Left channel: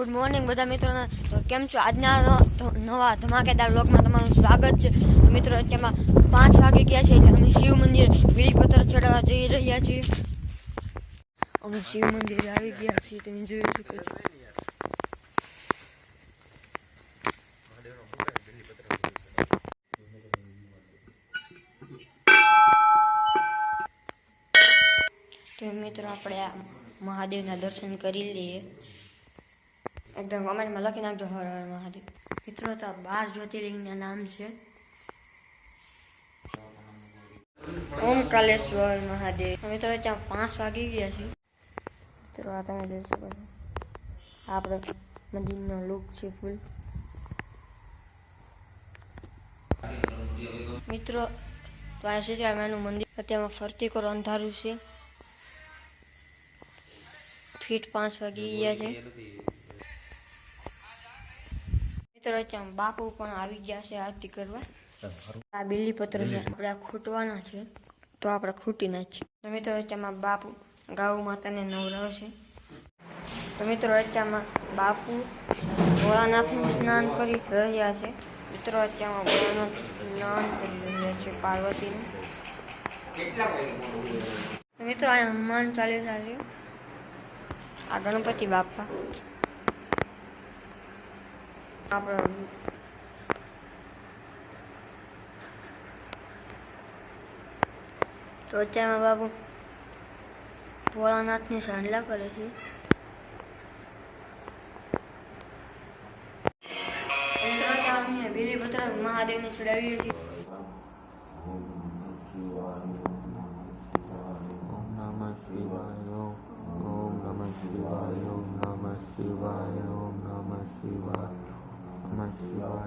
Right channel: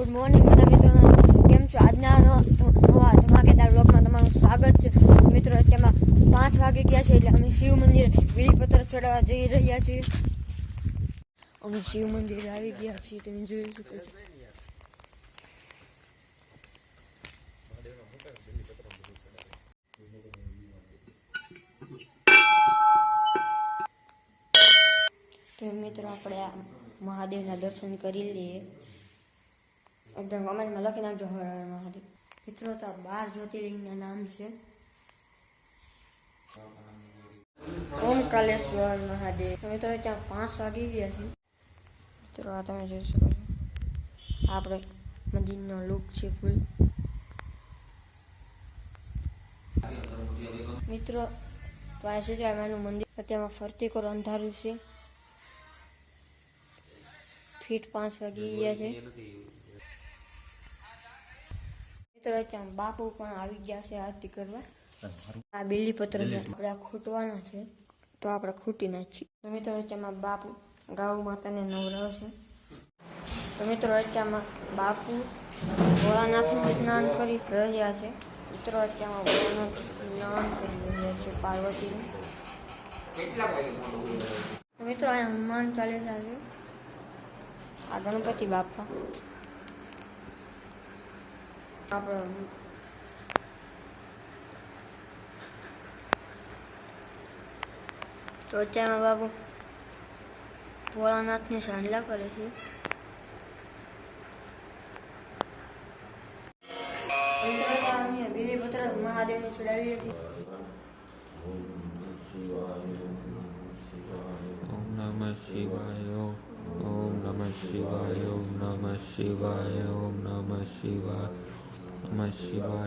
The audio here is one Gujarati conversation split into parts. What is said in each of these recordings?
ગુડ મોર્નિંગ બધા મિત્રોને કેમ છો? આજના નવા ધમાકેદાર બ્લોગમાં તમારું સ્વાગત છે. મિત્રો અત્યારમાં 5 વાગી ગયા છે એટલે અમે શિવ મંદિરે બીલીપત્ર ચડાવવા જઈ રહ્યા છીએ. અમે શિવ મંદિરે આવી ગયા છીએ, તમે જોઈ શકો છો. તો મિત્રો આપણે આ મહાદેવના દર્શન કરી લઈએ. એકદમ કમેન્ટમાં લખી નાખજો હર હર મહાદેવ. મિત્રો તો 12 જ્યોતિર્લિંગના નામ છે. ઓમકાલેશ્વર મહાદેવ. મિત્રો ત્યાં 5 વાગી ગયા છે. મિત્રો આ તમે જોઈ શકો છો, આપણે મંદિરનો લુક છે ફૂલ. મિત્રો તો આ સીતારામનું મંદિર અત્યારમાં ફરતી કરો અંધારું છે. ફીટ 5 વાગી ગયા છે. મિત્રો ત્યાં બાપુ પણ આવી ગયા છે આરતી કરવા. આ બીલીપત્ર છે, આપણે ખૂટવાના છે તો આપણે ખૂટી નાખીએ. તો મિત્રો અત્યારમાં બાપુ ગાઉ માતાને નવરાવે છે. તો મિત્રો અત્યારમાં બાપુ ભોળાનાથનું સ્નાન કરી રહ્યા છે. મિત્રો અત્યારમાં ભોળાનાથ સ્નાન કરી રહ્યા છે પાર્વતીનું. તો મિત્રો અહીંયા હનુમાન ચાલીસા છે. આ ગણપતિ બાપા આપણે તો અત્યારમાં બાપુ ભોળાનાથની સાંડલા કરે છે. મિત્રો અમે બીલીપત્ર મહાદેવને ચડાવીએ છીએ. शिवाय ओम नमः शिवाय ओम नमः शिवाय नमः शिवाय ओम नमः शिवाय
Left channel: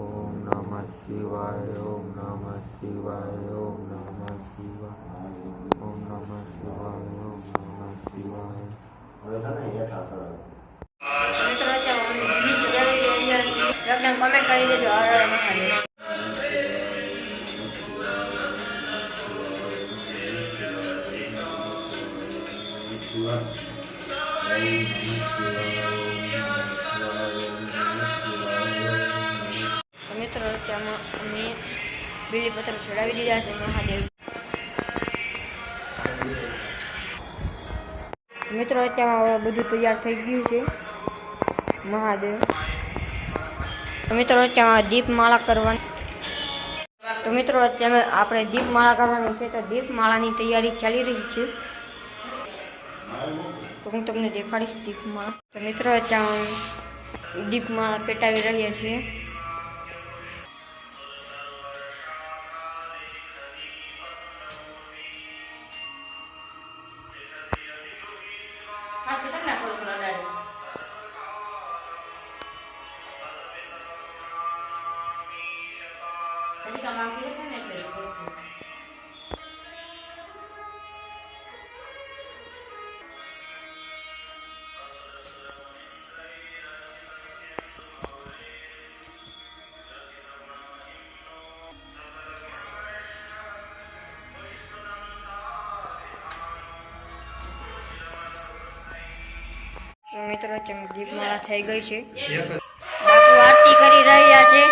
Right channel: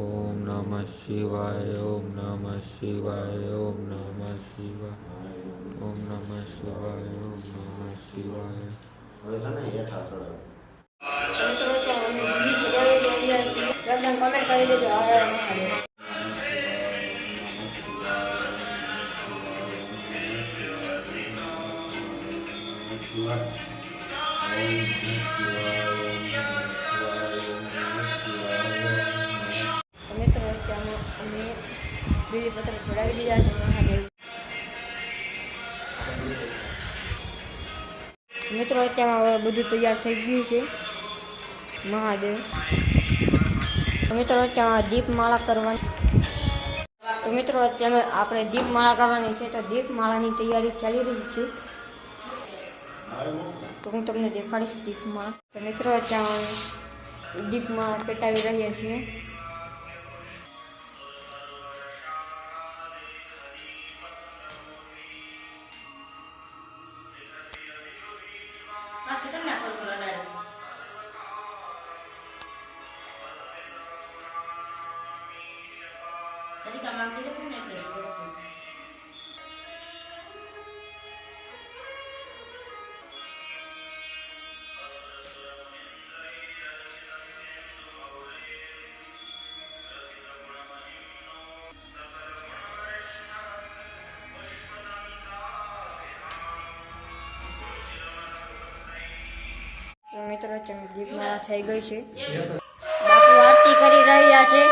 ओम नमः शिवाय ओम नमः शिवाय ओम नमः शिवाय ओम नमः शिवाय. મિત્રો અત્યારે બીજ ચડાવી રહ્યા છીએ. એકદમ કમેન્ટ કરી દેજો હર હર મહાદેવ. મિત્રો અત્યારમાં અમે બીલીપત્ર ચડાવી દીધા છે મહાદેવ. મિત્રો અત્યારમાં હવે બધું તૈયાર થઈ ગયું છે મહાદેવ. તો મિત્રો અત્યારમાં દીપમાળા કરવાની. તો મિત્રો અત્યારે આપણે દીપમાળા કરવાની છે, તો દીપમાળાની તૈયારી ચાલી રહી છે. તો હું તમને દેખાડીશ દીપમાળા. તો મિત્રો અત્યારે દીપમાળા પેટાવી રહ્યા છીએ. મિત્રો દીપમાળા થઈ ગઈ છે. બાપુ આરતી કરી રહ્યા છે.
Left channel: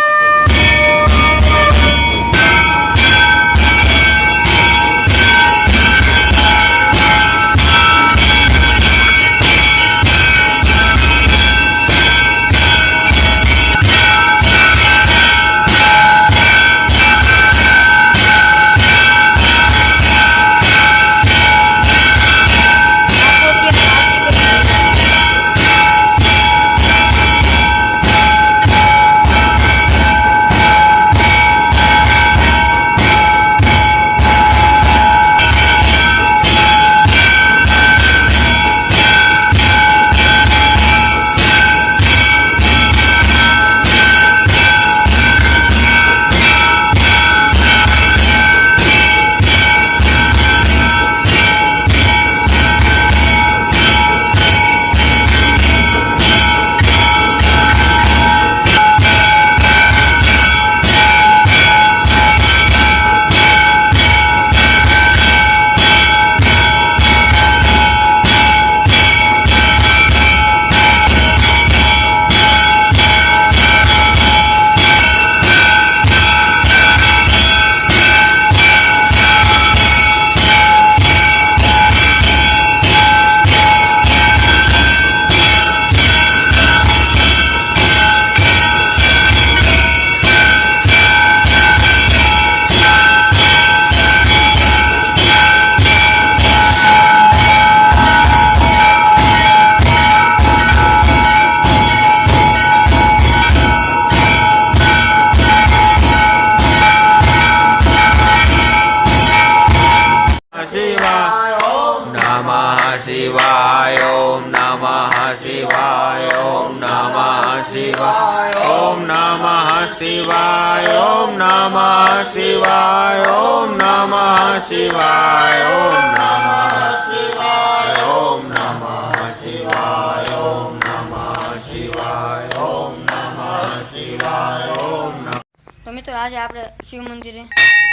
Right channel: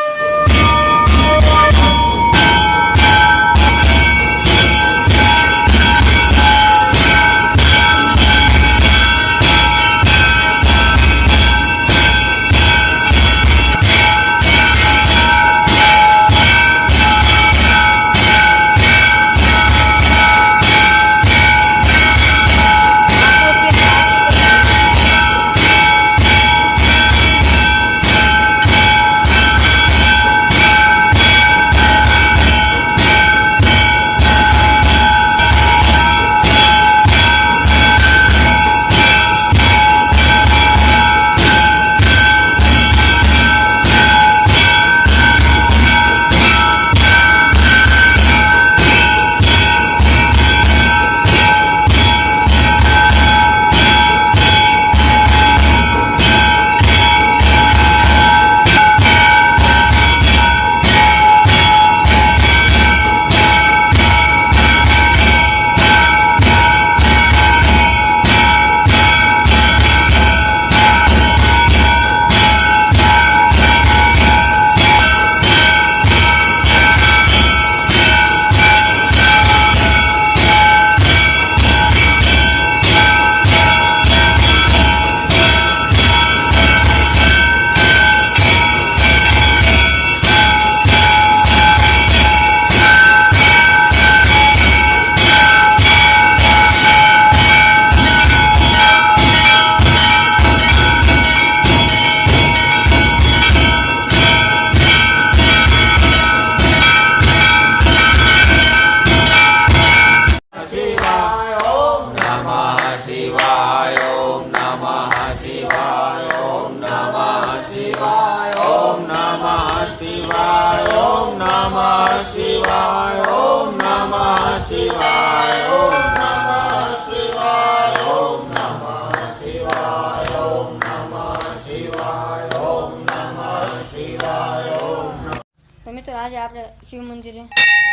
શિવાય ઓમ નમઃ શિવાય ઓમ નમઃ શિવાય ઓમ નમઃ શિવાય ઓમ નમઃ શિવાય ઓમ નમઃ શિવાય ઓમ નમઃ શિવાય ઓમ નમઃ શિવાય ઓમ નમઃ શિવાય ઓમ નમઃ. તો મિત્રો આજે આપણે શિવ મંદિરે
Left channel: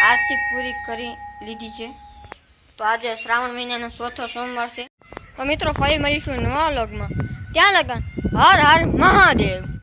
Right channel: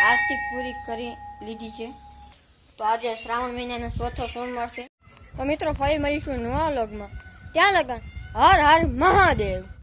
આરતી પૂરી કરી લીધી છે. તો આજે શ્રાવણ મહિનાનો ચોથો સોમવાર છે. તો મિત્રો ફરી મળીશું નવા વ્લોગમાં. ત્યાં લગન હર હર મહાદેવ.